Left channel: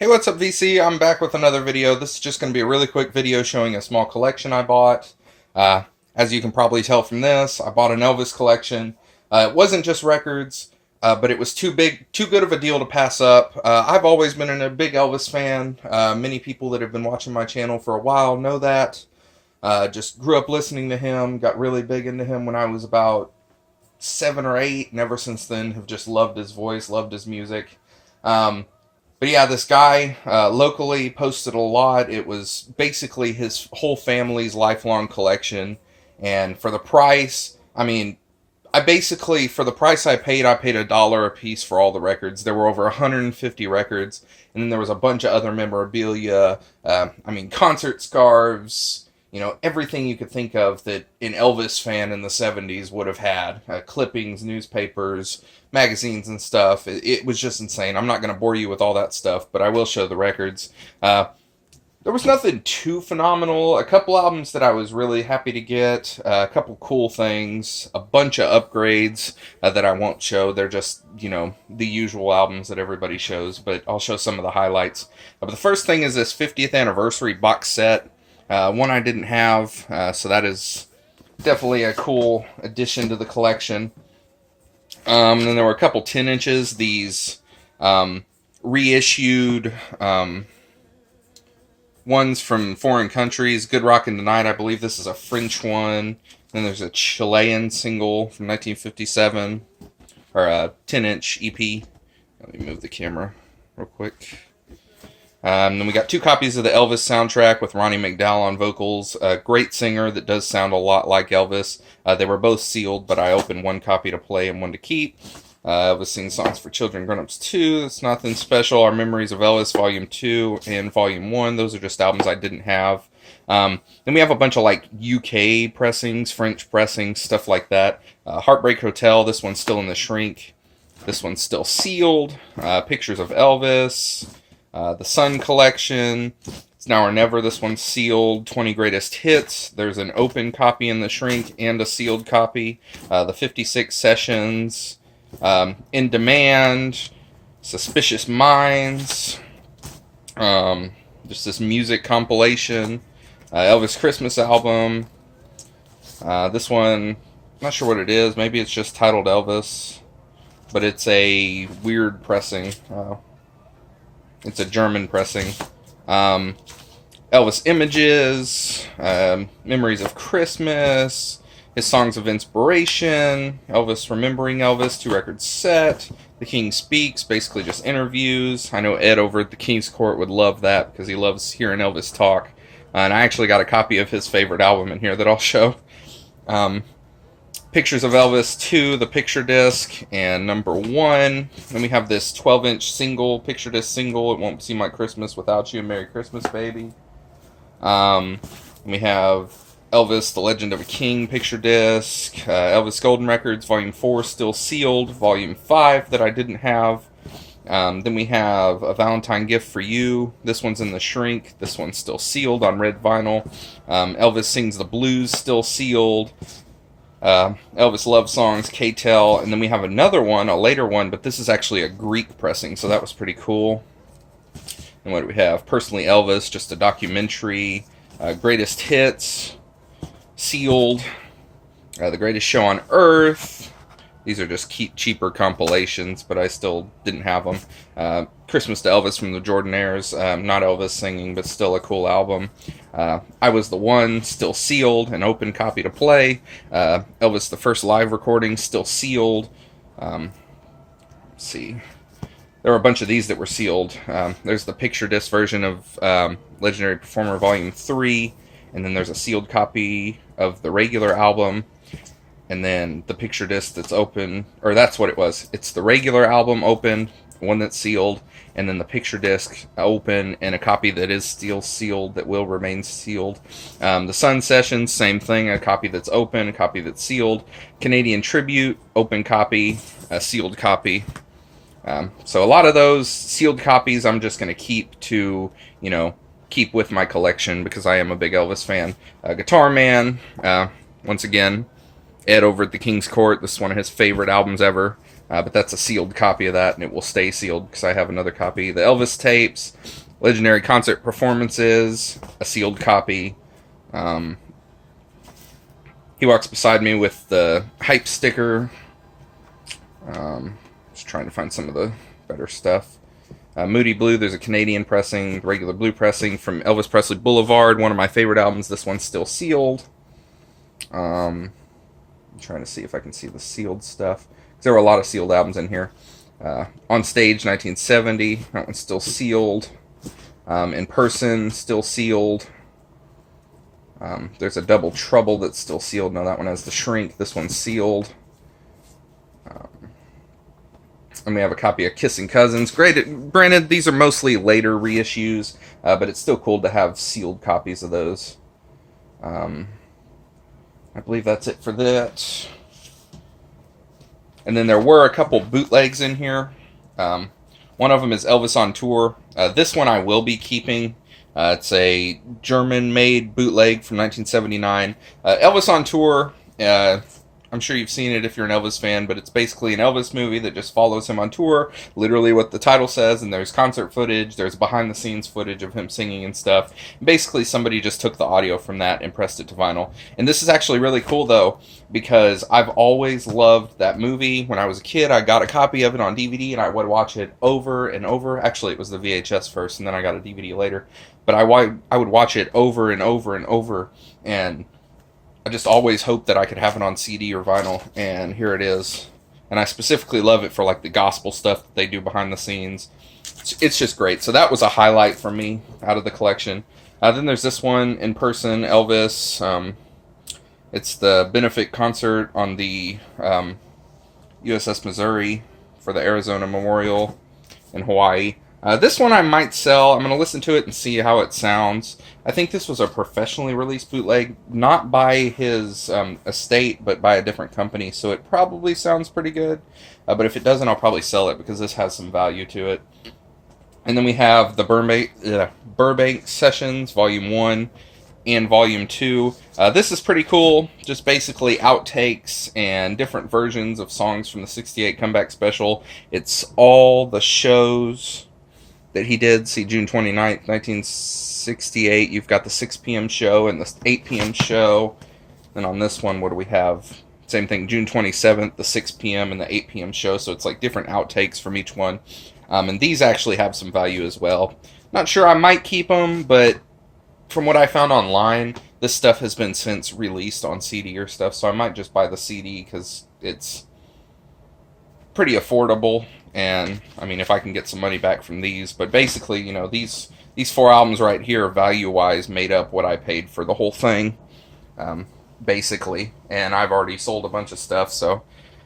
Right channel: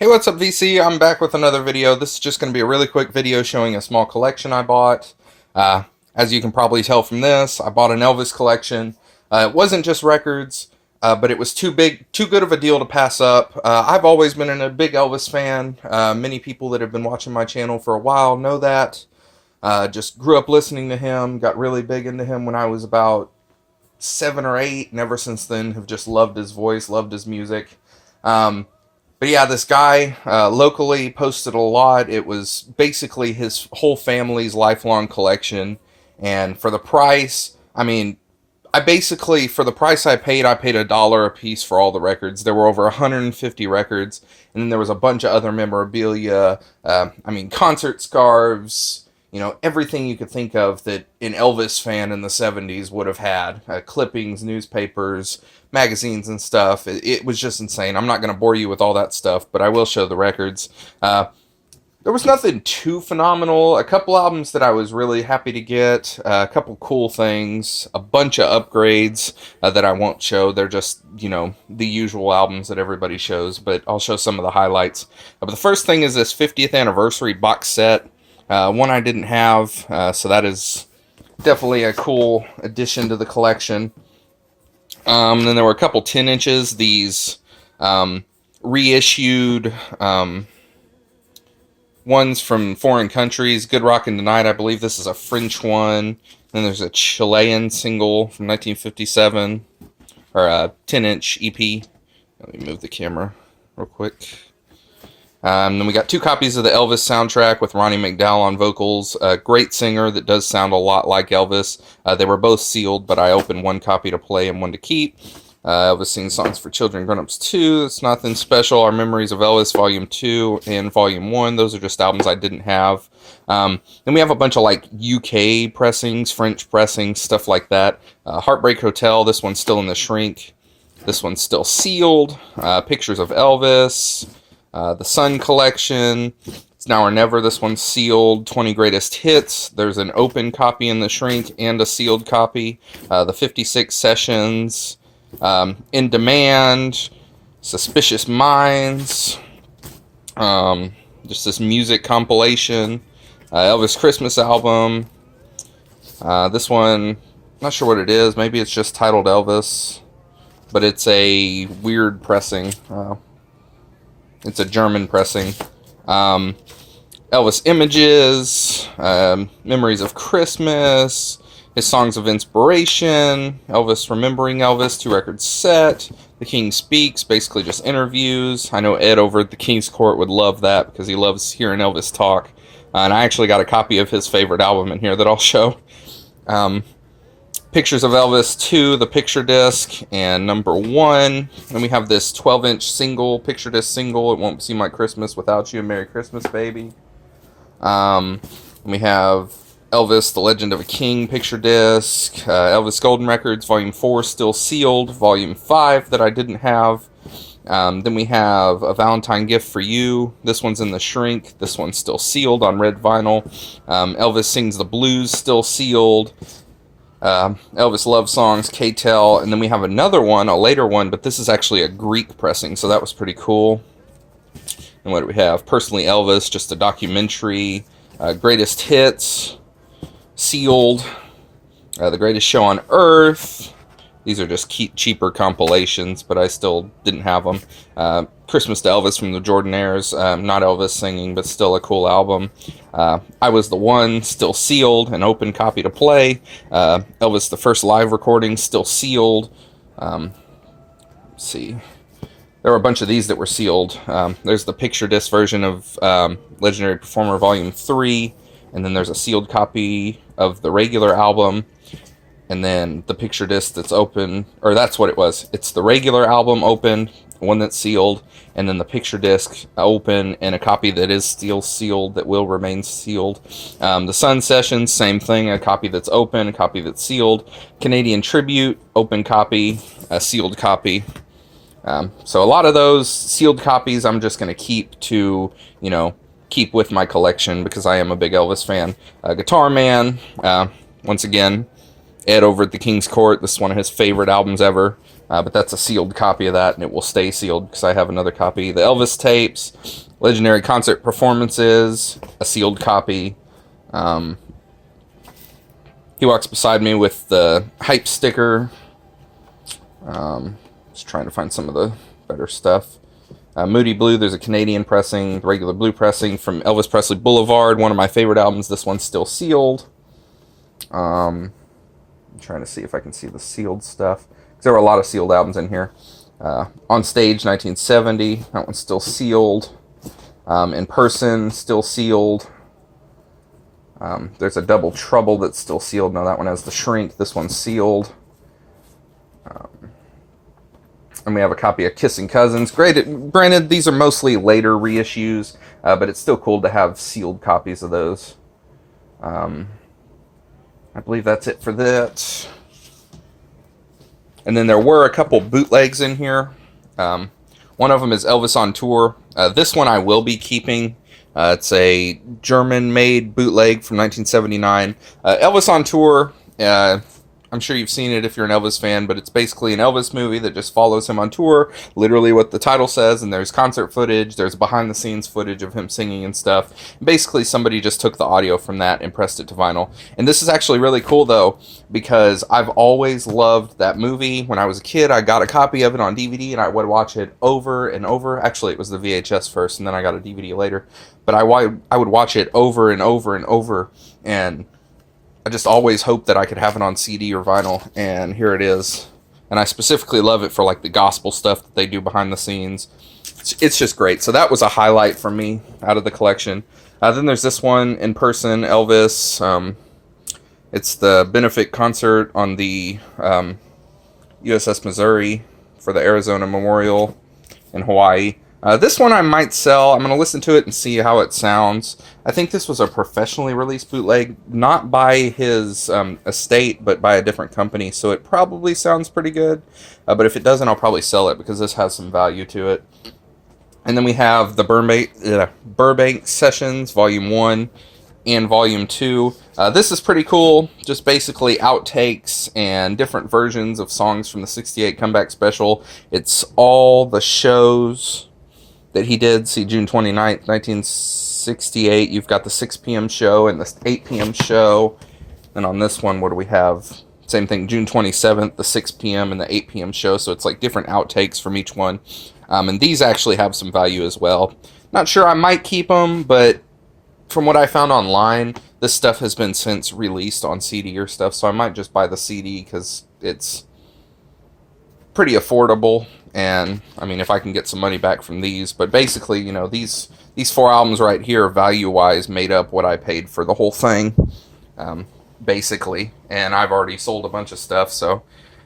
Hey, what's up, VC? I'm back with another video. This is just going to be a really quick video showing a small collection I bought. Uh, as you can probably tell from this, I bought an Elvis collection. It wasn't just records, but it was too good of a deal to pass up. I've always been a big Elvis fan. Many people that have been watching my channel for a while know that. Just grew up listening to him, got really big into him when I was about 7 or 8, and ever since then have just loved his voice, loved his music. But yeah, this guy locally posted a lot. It was basically his whole family's lifelong collection. And for the price, I mean, for the price I paid $1 a piece for all the records. There were over 150 records. And then there was a bunch of other memorabilia. Concert scarves, everything you could think of that an Elvis fan in the 70s would have had. Clippings, newspapers, magazines and stuff. It was just insane. I'm not going to bore you with all that stuff, but I will show the records. There was nothing too phenomenal. A couple albums that I was really happy to get. A couple cool things. A bunch of upgrades that I won't show. They're just, the usual albums that everybody shows, but I'll show some of the highlights. But the first thing is this 50th anniversary box set. One I didn't have, so that is definitely a cool addition to the collection. Then there were a couple 10 inches, these reissued ones from foreign countries. Good Rockin' Tonight, I believe this is a French one. Then there's a Chilean single from 1957, or a 10-inch EP. Let me move the camera real quick. Then we got 2 copies of the Elvis soundtrack with Ronnie Mcdowell on vocals. A great singer that does sound a lot like Elvis. They were both sealed, but I opened one copy to play and one to keep. Elvis sings songs for children, grown-ups too. It's nothing special. Our Memories of Elvis, Volume 2 and Volume 1. Those are just albums I didn't have. Then we have a bunch of UK pressings, French pressings, stuff like that. Heartbreak Hotel, this one's still in the shrink. This one's still sealed. Pictures of Elvis. The Sun collection, It's Now or Never, this one's sealed. 20 Greatest Hits, there's an open copy in the shrink and a sealed copy. The 56 Sessions, In Demand, Suspicious Minds, just this music compilation, Elvis Christmas album. This one, not sure what it is, maybe it's just titled Elvis, but it's a weird pressing. It's a German pressing. Elvis Images, Memories of Christmas, his Songs of Inspiration, Elvis Remembering Elvis, 2-record set, The King Speaks, basically just interviews. I know Ed over at the King's Court would love that because he loves hearing Elvis talk. And I actually got a copy of his favorite album in here that I'll show. Pictures of Elvis 2, the picture disc, and number 1. And we have this 12-inch single, picture disc single, It Won't Seem Like Christmas Without You, Merry Christmas, Baby. We have Elvis, The Legend of a King picture disc, Elvis Golden Records, Volume 4, still sealed, Volume 5 that I didn't have. Then we have A Valentine Gift for You. This one's in the shrink. This one's still sealed on red vinyl. Elvis Sings the Blues, still sealed. Elvis Love Songs, K-Tel, and then we have another one, a later one, but this is actually a Greek pressing, so that was pretty cool. And what do we have? Personally Elvis, just a documentary, Greatest Hits, sealed, The Greatest Show on Earth. These are just cheaper compilations, but I still didn't have them. Christmas to Elvis from the Jordanaires, not Elvis singing, but still a cool album. I Was the One, still sealed, an open copy to play. Elvis, the first live recording, still sealed. Let's see. There were a bunch of these that were sealed. There's the picture disc version of Legendary Performer Volume 3, and then there's a sealed copy of the regular album. And then the picture disc that's open, or that's what it was. It's the regular album open, one that's sealed, and then the picture disc open, and a copy that is still sealed, that will remain sealed. The Sun Sessions, same thing, a copy that's open, a copy that's sealed. Canadian Tribute, open copy, a sealed copy. So a lot of those sealed copies I'm just going to keep to, keep with my collection because I am a big Elvis fan. Guitar Man, once again, Ed over at the King's Court. This is one of his favorite albums ever. but that's a sealed copy of that, and it will stay sealed because I have another copy. The Elvis tapes, legendary concert performances, a sealed copy. He walks beside me with the hype sticker. Just trying to find some of the better stuff. Moody Blue, there's a Canadian pressing, regular blue pressing from Elvis Presley Boulevard, one of my favorite albums. This one's still sealed. I'm trying to see if I can see the sealed stuff. There were a lot of sealed albums in here. On Stage, 1970. That one's still sealed. In Person, still sealed. There's a Double Trouble that's still sealed. No, that one has the shrink. This one's sealed. And we have a copy of Kissing Cousins. Granted, these are mostly later reissues, but it's still cool to have sealed copies of those. I believe that's it for that. And then there were a couple bootlegs in here. One of them is Elvis on Tour. This one I will be keeping. It's a German-made bootleg from 1979. Elvis on Tour, I'm sure you've seen it if you're an Elvis fan, but it's basically an Elvis movie that just follows him on tour, literally what the title says, and there's concert footage, there's behind-the-scenes footage of him singing and stuff. Basically, somebody just took the audio from that and pressed it to vinyl. And this is actually really cool, though, because I've always loved that movie. When I was a kid, I got a copy of it on DVD, and I would watch it over and over. Actually, it was the VHS first, and then I got a DVD later. But I would watch it over and over and over, and I just always hoped that I could have it on CD or vinyl, and here it is. And I specifically love it for like the gospel stuff that they do behind the scenes. It's just great. So that was a highlight for me out of the collection. Then there's this one, In Person, Elvis. It's the benefit concert on the USS Missouri for the Arizona Memorial in Hawaii. This one I might sell. I'm going to listen to it and see how it sounds. I think this was a professionally released bootleg, not by his estate, but by a different company, so it probably sounds pretty good. But if it doesn't, I'll probably sell it because this has some value to it. And then we have the Burbank Sessions, Volume 1 and Volume 2. This is pretty cool. Just basically outtakes and different versions of songs from the 68 Comeback Special. It's all the shows that he did. See, June 29th, 1968, you've got the 6 p.m. show and the 8 p.m. show. And on this one, what do we have? Same thing, June 27th, the 6 p.m. and the 8 p.m. show. So it's like different outtakes from each one. And these actually have some value as well. Not sure I might keep them, but from what I found online, this stuff has been since released on CD or stuff. So I might just buy the CD because it's pretty affordable. And I mean, if I can get some money back from these, but basically, you know, these 4 albums right here, value-wise, made up what I paid for the whole thing, basically. And I've already sold a bunch of stuff, so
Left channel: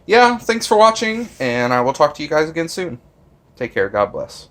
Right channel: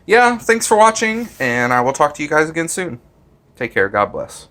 yeah. Thanks for watching, and I will talk to you guys again soon. Take care. God bless.